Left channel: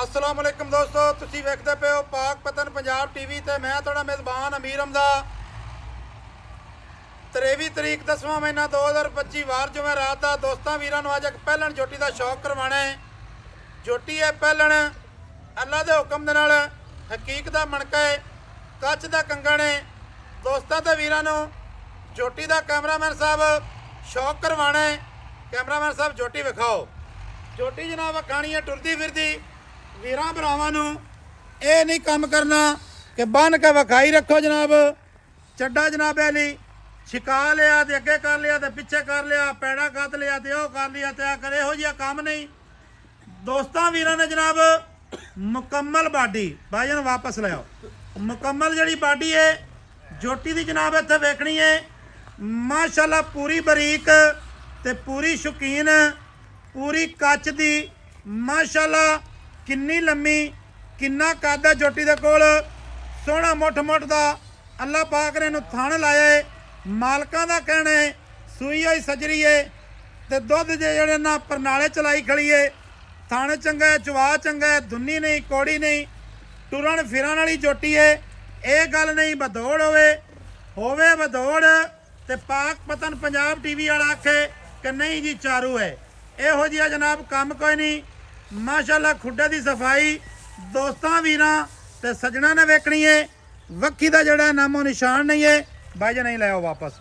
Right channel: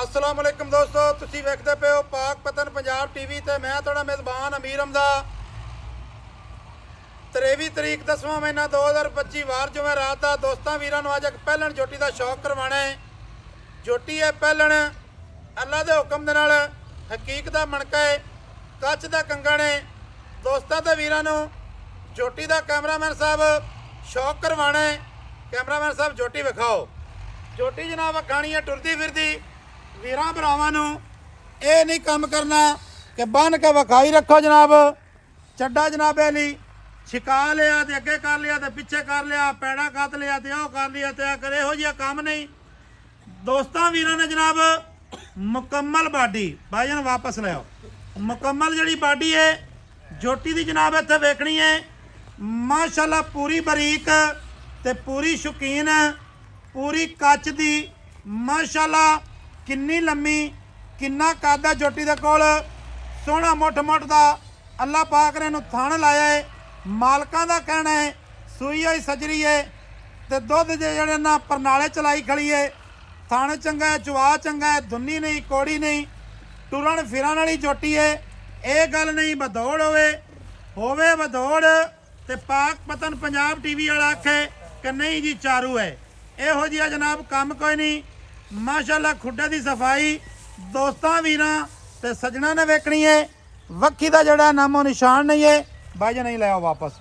अस्सलाम वालेकुम दोस्तों, तुसी वेखदे पे हो पाक पतन पंजाब टीवी ते मैं थोड़ा मेज़बान अमीर हमदा। 23 तरीक 10वां महीना 2025 वार जुमे रात का दोस्तों वीरां नूं अज एक पहलन जोटी का शौक करवाना है। जोटी है पहलन अल्लाह के हुक्म दे नाल हकीक दा मणका है, कच दा कंगण है। दोस्तों ते वीरां नूं जोटी का कैमरामैन साहब शौक करवाना है। कैमरामैन साहब जोटी विखाओ। जोटी जनाब वखाणी है टुरदी फिरदी। वीरां भरावां नूं ये नहीं काम करना कि बन के विखाई रखो जनाब। चड्डा जनाबे लई छिका लिया तो अगे कर लिया तो पिछे कर लिया, पैड़ा कत लिया तो वह कर लिया तो कर, इहो जिहा काम नहीं। दोस्तों वीरां ने जनाब मुकम्मल बाडी भाई जान वापस ले आओ। मुकम्मल जिहड़ी बाडी है जोटी दी जनाब इत्थे वेखनी है। माशाअल्लाह पूरी बरीक ते पूरी शौकीन, पूरी कच दी। माशाअल्लाह किन्नी लम्मी किन्ना कद है जोटी दे कोल। सोहना मुठ मुठ दा अल्लाह पाक ने इहनूं थण लाया है। मालकां दा कहना है सूई होई सजरी है ते दुध जेहड़े ना परनाले चलाई खड़ी है। थण चंगा है, चुआ चंगा है, धुन्नी नहीं कौड़ी नहीं, टुरन फिरन वाली जोटी है। ये गल नहीं बदौड़ होवे बदौड़ ते पाक पतन पंजाब टीवी वाला आखे कि नहीं जी चारू है। इहो जिहा जनाब काम कोई नहीं। माशाअल्लाह खुड्डे की सफाई दोस्तों वीरां ते सजना ने वेखनी है। वक्की का जड़ा नामो निशान नहीं है। भाई जी नहीं ले आओ वापस।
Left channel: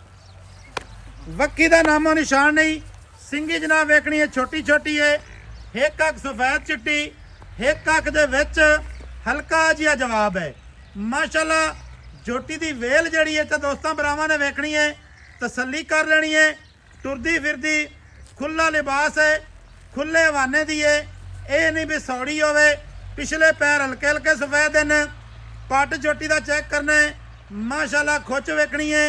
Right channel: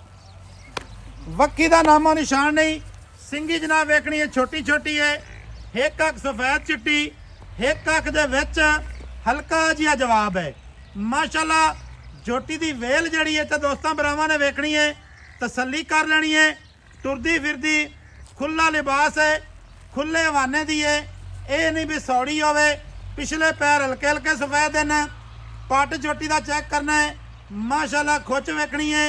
वक्की का नामो निशान नहीं। सिंगी जनाब वेखनी है, छोटी छोटी है। एक अख सफेद चिट्टी, एक अख दे विच हल्का जिहा जवाब है। माशाअल्लाह जोटी दी वेल जड़ी है तो दोस्तों भरावां ने वेखनी है, तसल्ली कर लेनी है। टुरदी फिरदी खुला लिबास है, खुले हवाने दी है। ये नहीं भी सौड़ी होवे। पिछले पैर हल्के हल्के सफेद हैं। पट जोटी का चेक करना है। माशाअल्लाह खुच वेखनी है।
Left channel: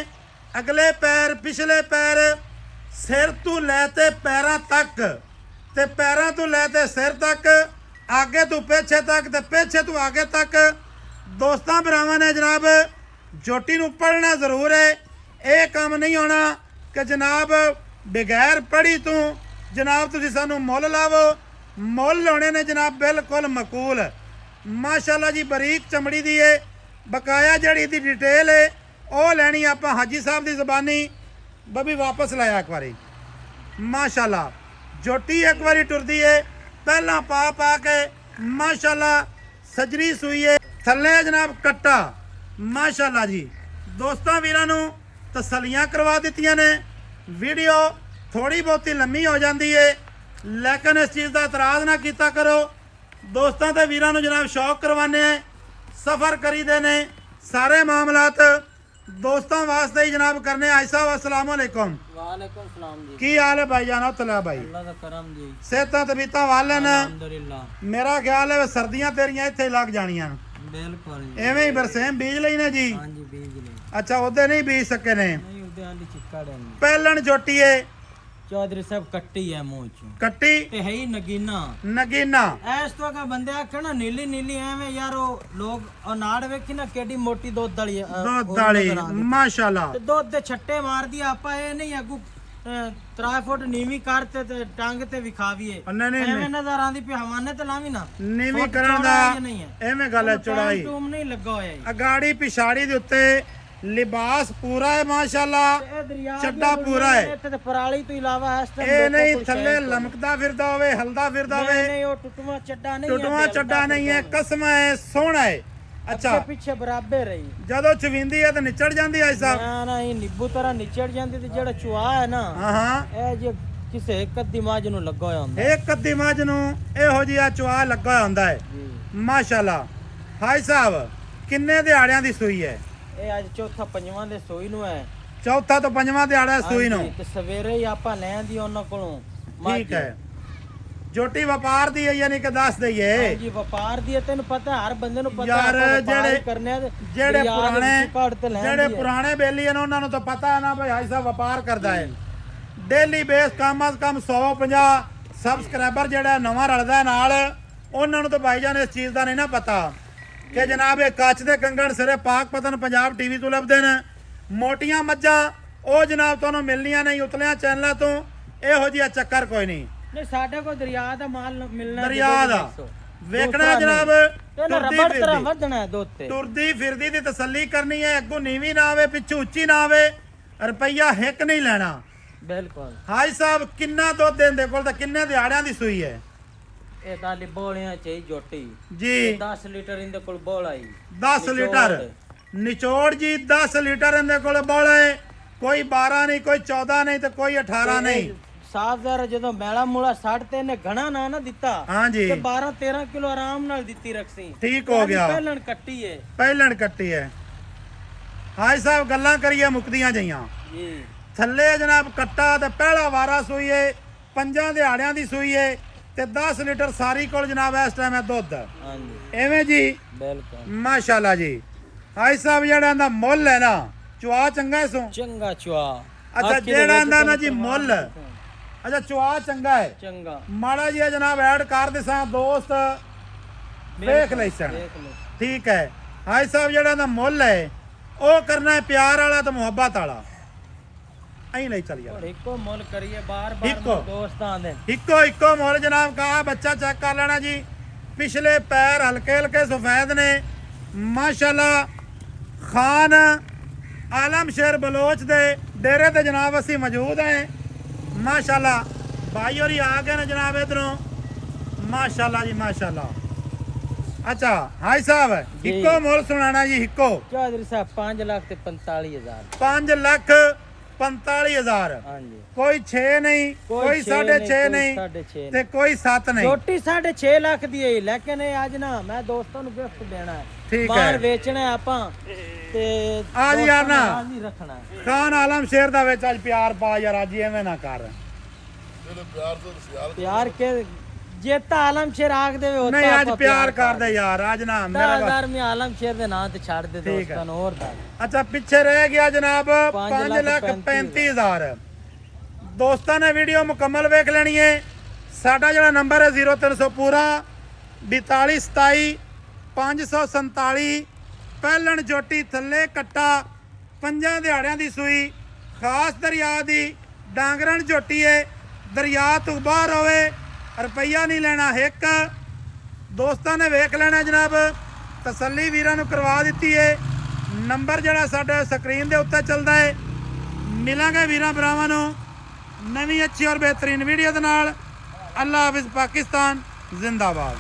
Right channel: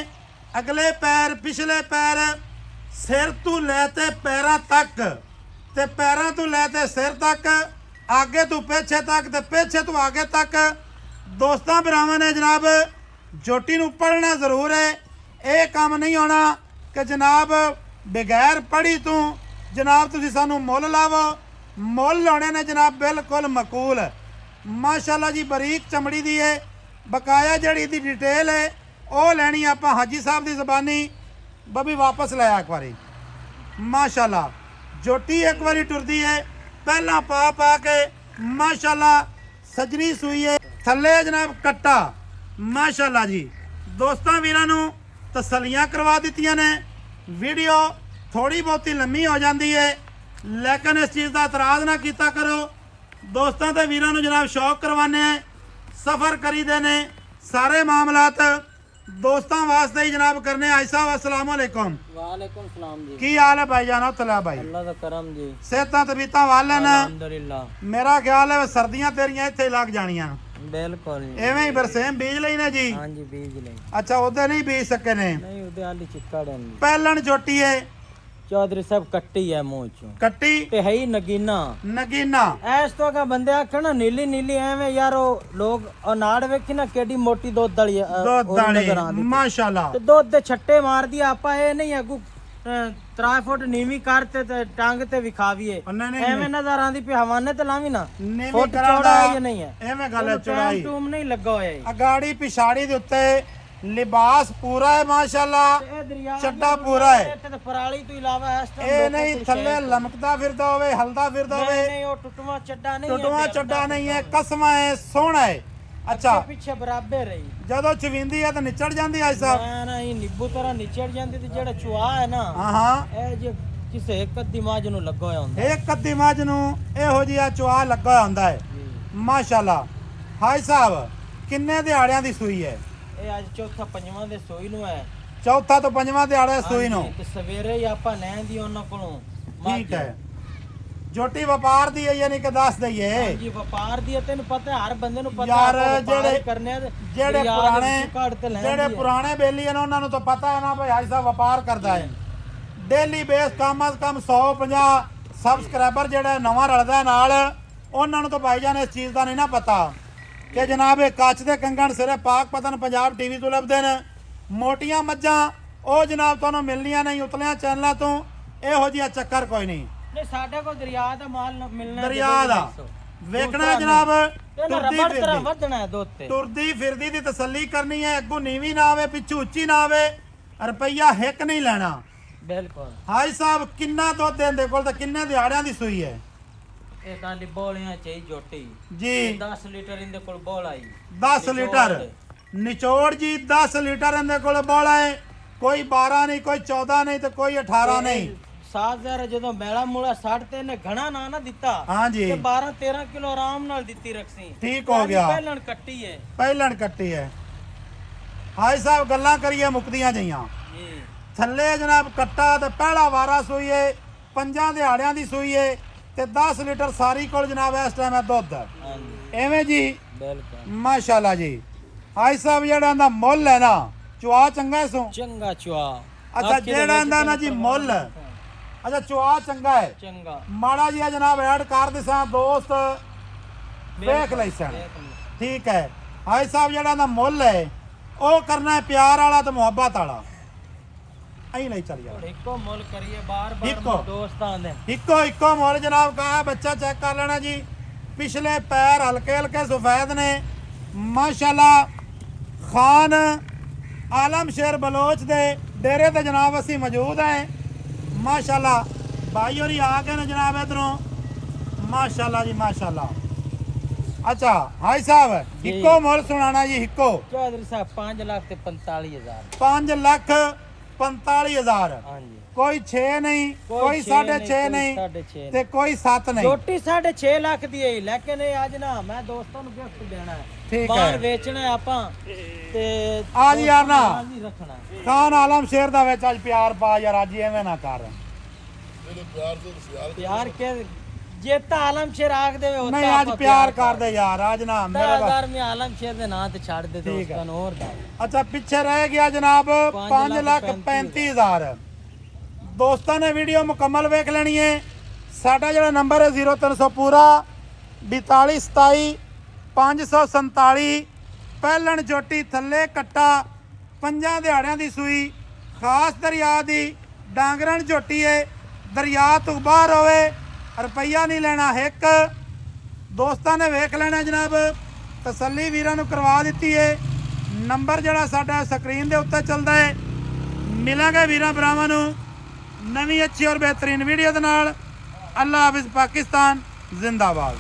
अगले पैर पिछले पैर सिर तू लैते पैरों तक ते पैरों तू लैते सिर तक, आगे तू पिछे तक ते पिछे तू आगे तक। दोस्तों भरावां ने जनाब जोटी नूं पढ़ना जरूर है। ये काम नहीं होना कि जनाब बगैर पढ़ी तू जनाब तुसीं सानूं मुल लावो। मुल लाने ने जनाब बिल्कुल मकूल। माशाअल्लाह जी बरीक चमड़ी दी है। बकाया जड़ी दी डिटेल है वह लैनी आपां हाजी साहब की जबानी। बबी वापस लाया एक बारी। माशाअल्लाह जोटी एक बारी टुरदी है पहला पा पा के। माशाअल्लाह सजरी सुई है, थल्ले जनाब कट्टा। माशाअल्लाह जी दोस्तों वीरां नूं तसल्लियां करवा दित्तियां ने। वीडियो थोड़ी बहुती लम्मी हो जाती है लेकिन इस चीज़ का इतराज़ ना किया करो। दोस्तों ते वीरां नूं जनाब शौक करवाने सफ़र करी देने सारे मामलात दोस्तों वास्ते ही जनाब करने। आई साहब अस्सलाम वालेकुम। वालेकुम सलाम जी। की हाल है भाई जान? तला भाई अल्लाह दा करम जी। सेहतां तबीयतां वाले न? अल्हम्दुलिल्लाह। मेरा ख्याल है सर्दियां तेरियां इत्थे लग जानियां। बिल्कुल एवें ही बरसेम बीज ਲਈ ने जी? हां जी बीज ले। अच्छा उधर नहीं बीज सके ने? नहीं उदे आली चिक्का डन। पहलन जोटी है चौधरी साहब कट्टी है मुंह चों कट्टी ते है ही नगीना। नगीना ऐस तो का बंदे आखण ना नीली नीली एवें यार ओ लोग अनाड़ वेखी ना केडी मोटी दूध दली दूध दाली। माशाअल्लाह ते दूध दे छट्टे मार दिया आपा। ए नहीं अगू 3 फुट नीवी करते ते टांग ते विखावीए। नहीं एवें नजर आंदी पे हवाने ते लावी ना नीवी फुट करा चौड़ा दा ये नहीं है। एवें गल चढ़ाई टूम नहीं लगा होया है। अगाड़ी पिछाड़ी दे उत्ते लिबास पूरा है माशाअल्लाह। चड्डा पूरा है। पराली तो इलावा ए नहीं थल्ले लमकदा फिरदा होवे, हलदा फिरदा होवे। नहीं वो टुटवा चड्डा नहीं है। टुटवा चड्डा नहीं है, कसम है, सोहना है। अच्छा पीछे बराबर रही जदों चविंदी है तो निचड़ जांदी है साहब? ना ना ये नींबू तरह निचड़ जांदी ते जेड़ा चुआ है ना हां हां ए जे किसे एक दिमाग नु लगा होया हुंदा। एक कद्दी मੱਝ ਨੂੰ ਇਹੋ ਜਿਹਾ ਚੁਆ ਲੱਗਾ ਹੋਇਆ ਹੁੰਦਾ ਹੈ। ਮਾਸ਼ਾਅੱਲਾ। ਹਾਈ ਸਾਹਿਬ ਕਿੰਨੇ ਦਿਹਾੜਿਆਂ ਦੀ ਸੂਈ ਹੈ? ਇਹ ਅੱਜ ਚੌਥਾ ਪੰਜਵਾਂ ਦੇ ਸੂਈ ਨੂੰ ਹੈ। ਚੌਥਾ ਤੋਂ ਪੰਜਵਾਂ ਦਿਹਾੜੇ ਸੂਈ ਨੂੰ ਤੇ ਸਵੇਰੇ ਹੀ ਆਪਾਂ ਲੈਂਦੀ ਉਹਨਾਂ ਕੋਲੋਂ। ਠੀਕ ਹੈ। जोटी व्यापार दी है यानी कि दस दईए जी व्यापार दी है। तेन पता हर बंदे नु पता यार जेड़े जेड़े पुराने बेली है ना उन्हां नु तो पता है ना भाई हाई साहब व्यापार करदा है। डेली बेस कम अज कम 150 सबसक्राइबर जेड़ा नवा रलदा नाल उन्हां नु तो भाईजान इस चीज़ का नहीं ना पता कि जनाब ये कच्छ दे कंगण सिरे पाक पतन पंजाब टीवी तो लभदे ने। मोटियां मज्जां ਉਹ जनाब तुहानूं मिलनियां नहीं उतलियां चैनलों तो। इहो जिहा चक्कर कोई नहीं। नहीं साडे को दरिया दा माल मिलना दरिया दा ਵੇਖਣਾ ਜਨਾਬ ਇਹਨਾਂ ਤੁਰਦੀ ਰਬੜ ਤਰ੍ਹਾਂ ਫਿਰਦੀ ਵਧਣਾ ਦੁੱਧ ਤੇ ਤੁਰਦੀ ਫਿਰਦੀ ਦੀ ਤਸੱਲੀ ਕਰਨੀ ਹੈ ਅੱਗੋਂ ਨੀਵੀਂ ਨਾ ਆਵੇ ਪਿੱਛੋਂ ਉੱਚੀ ਨਾ ਆਵੇ ਰੁਪਈਆ ਹਿੱਕ ਨਹੀਂ ਲੈਣਾ ਬਿਲਕੁਲ ਹਾਈ ਸਾਹਿਬ ਕਿੰਨਾ ਦੁੱਧ ਦੇਂਦੇ ਕੋਲ ਤੇ ਕਿੰਨੇ ਦਿਹਾੜਿਆਂ ਦੀ ਸੂਈ ਹੈ ਇਹ ਨਾਲੇ ਬੋਲੀਆਂ ਚਾਹੀ ਜੋਟੀ ਜੀ 10 ਲੀਟਰ ਇਹਦੇ ਕੋਲ ਬੋਲ ਆਈ 10 ਲੀਟਰ ਨਿਚੋੜ ਜੀ 10 ਲੀਟਰ ਇਹਦੇ ਕੋਲ ਬੋਲਾ ਹੈ ਕੋਈ 12 ਨਹੀਂ ਕੋਈ 14 ਨਹੀਂ ਤੇ ਕੋਈ 18 ਨਹੀਂ ਸਾਜ਼ਰ ਜਦੋਂ ਮੈਲਾ ਮੂਲਾ 60 ਤੇ ਇਹਨੇ ਘਣਾ ਨਾ ਦਿੱਤਾ ਹਾਂਜੀ ਤੇ 12 13 ਕਿਲੋ ਆਰਾਮ ਨਾਲ ਦਿੱਤੀ ਰਖਸੀ ਠੀਕ ਹੋ ਗਿਆ ਪਹਿਲਣ ਕੱਟੀ ਹੈ ਪਹਿਲਣ ਕੱਟੀ ਹੈ ਹਾਈ ਸਾਹਿਬ ਗੱਲਾਂ ਕਰੀਏ ਮੁਕਦੀਆਂ ਜਈਆਂ ਜੀ ਥੱਲੇ ਜਨਾਬ ਕੱਟਾ ਤੇ ਪਹਿਲਾ ਵਾਰਾ ਸੂਈ ਏ 5 ਦਿਹਾੜਿਆਂ ਦੀ ਸੂਈ ਏ ਤੇ 10 ਲੀਟਰ ਸਾਰੀ ਕੋਲ ਜਨਾਬ ਇਸ ਟਾਈਮ ਹੈ ਦੁੱਧ ਹਾਂਜੀ ਐਵੇਂ ਜੀ ਬਿਲਕੁਲ ਮਾਸ਼ਾਅੱਲਾ ਜੀ ਹਾਈ ਸਾਹਿਬ ਜਿਹੜਾ ਇਹਦਾ ਮੁੱਲ ਹੈ ਨਾ ਚੁਆ ਚੰਗਾ ਸੋ ਚੰਗਾ ਚੁਆ ਅੱਛਾ ਜਿਹੜਾ ਇਹਦਾ ਨਾ ਜੀ ਮੁੱਲ ਅੱਛਾ ਚੁਆ ਚੰਗਾ ਹੈ ਚੰਗਾ ਮਾੜਾ ਜੀ ਜਨਾਬ ਐਡ ਕਰ ਦਿਸਾਂ ਦੋਸਤ ਵੇਖ ਲਈ ਸਣ ਠੀਕ ਹੈ ਹਾਈ ਸਾਹਿਬ ਜਿਹੜਾ ਇਹਦਾ ਮੁੱਲ ਹੈ ਉਹ ਕਰਨਾ ਹੈ ਪਿਆਰ ਵਾਲਾ ਤੇ ਮੁਹੱਬਤ ਵਾਲਾ ਐਂ ਨਹੀਂ ਚੱਲ ਯਾਰ ਇੱਕੋ ਮੁੱਲ ਕਰੀਏ ਇੱਕੋ। ਬਾਰ ਦੋਸਤਾਂ ਦੇ ਇੱਕੋ ਮੁੱਲ ਜਨਾਬ ਕਹਾ ਬੱਚਾ ਚੈੱਕ ਕਰ ਲੈਣਾ ਜੀ ਪਿਛਲੇ ਪੈਰ ਹਲਕੇ ਹਲਕੇ ਸਫੈਦ ਨੇ ਮਾਸ਼ਾਅੱਲਾ ਖਾਨ ਆਲਮ ਸ਼ੇਰ ਬਲੋਚ ਦੇ ਡੇਰੇ ਤੇ ਜਨਾਬ ਅਸੀਂ ਮੌਜੂਦ ਹੈ ਮਾਸ਼ਾਅੱਲਾ ਭਾਈ ਹੋਰੀ ਆ ਗਏ ਨੇ ਜਨਾਬ ਇਧਰੋਂ ਮਾਸ਼ਾਅੱਲਾ ਜੀ ਮਾਸ਼ਾਅੱਲਾ ਅੱਛਾ ਹਾਈ ਸਾਹਿਬ ਜੀ। ਇੱਕੋ ਮੁੱਲ ਸੁਣਾਣਾ ਜੀ ਇੱਕੋ ਚੌਧਰੀ ਸਾਹਿਬ 5 ਲੱਖ ਤੇ 45,000 5,45,000 ਹਾਂਜੀ ਕੋਈ 6 ਨਹੀਂ ਕੋਈ 6.5 ਨਹੀਂ 6.5 ਤੇ ਕੋਈ 7 ਨਹੀਂ ਰੋਟੀ 6.5 ਲੱਖ ਦੀ ਹੈ ਲੇਕਿਨ ਇਹ ਅੱਜ ਨਾ ਮੈਂ ਦੋਸਤਾਂ ਨੂੰ ਗਿਫਟ ਦੇਣਾ ਹੈ ਠੀਕ ਬਾਹਰ ਹੈ। ਵੇਚਣਾ ਹੈ ਆਪਾਂ ਤੇ ਆ ਜੀ ਯਾਰ ਨਾ। ਦੋਸਤਾਂ ਨਾਲ ਨਹੀਂ ਰੱਖਣਾ ਹੈ। ਖਾਨ ਆਲਮ ਸ਼ੇਰ ਦਾ ਵਿੱਚ ਅੱਜ ਪਿਆਰ ਪਾ ਯਾਰ ਅੱਜ ਐਵੇਂ ਨਾ ਕਰ ਪਿਆਰ ਕੇ ਜੇ ਤਾਂ ਆਲਮ ਸ਼ੇਰ ਆਖ ਦੇਵੇ ਉਹ ਨਹੀਂ ਤਾਂ ਅੱਜ ਆਪਾਂ ਪਿਆਰ ਕਰਦੇ ਯਾਰ ਅੱਜ ਨਾ ਮੇਰੇ ਵਾ- ਤਾਲਦਾਰ ਮੈਂ ਆਲਮ ਸ਼ੇਰ ਦੇ ਨਾਂ ਤੇ ਛੱਡ ਦੇ ਠੀਕ ਹੈ। ਦੋਸਤਾਂ ਨੂੰ ਹੋਰ ਦੱਸ। ਅੱਛਾ ਪਿੱਛੇ ਰਹਿ ਗਿਆ ਜਨਾਬ 5,35,000 5,35,000 ਦੋਸਤਾਂ ਨੇ ਵੀਡੀਓ ਮੁਕੰਮਲ ਵੇਖ ਲੈਣੀ ਹੈ ਸਾਡਾ ਜਿਹੜਾ ਨੰਬਰ ਹੈ 0300 ਪੂਰਾ 4227 547 ਪਹਿਲਣ ਜੋਟੀ ਥੱਲੇ ਕੱਟਾ 5 ਦਿਹਾੜਿਆਂ ਦੀ ਸੂਈ ਖਾਸ ਦਰਿਆ ਦੀ ਡਾਂਗਰਨ ਝੋਟੀ ਹੈ ਦਰਿਆ ਤੋਂ ਬਾਹਰ ਹੋਵੇ ਰੁਪਈਆ ਨਹੀਂ ਲੈਣਾ ਹਿੱਕ ਦੋਸਤਾਂ ਨੇ ਵੇਖ ਲੈਣਾ ਜਨਾਬ ਤਸੱਲੀ ਵੀਰਾਂ ਨੂੰ ਕਰਵਾ ਦਿੱਤੀ ਹੈ ਨੰਬਰ ਜਿਹੜਾ ਸਾਡਾ ਸਕਰੀਨ ਦੇ ਉੱਤੇ ਚੱਲਦਾ ਹੈ ਮਿਲਾਂਗੇ ਵੀਰਾਂ ਭਰਾਵਾਂ ਨੂੰ ਨਵੀਂ ਅੱਛੀ ਔਰ ਬਿਹਤਰੀਨ ਵੀਡੀਓ ਦੇ ਨਾਲ ਅੱਲਾ ਹਾਫਿਜ਼ ਪਾਕਿਸਤਾਨ ਜ਼ਿੰਦਾਬਾਦ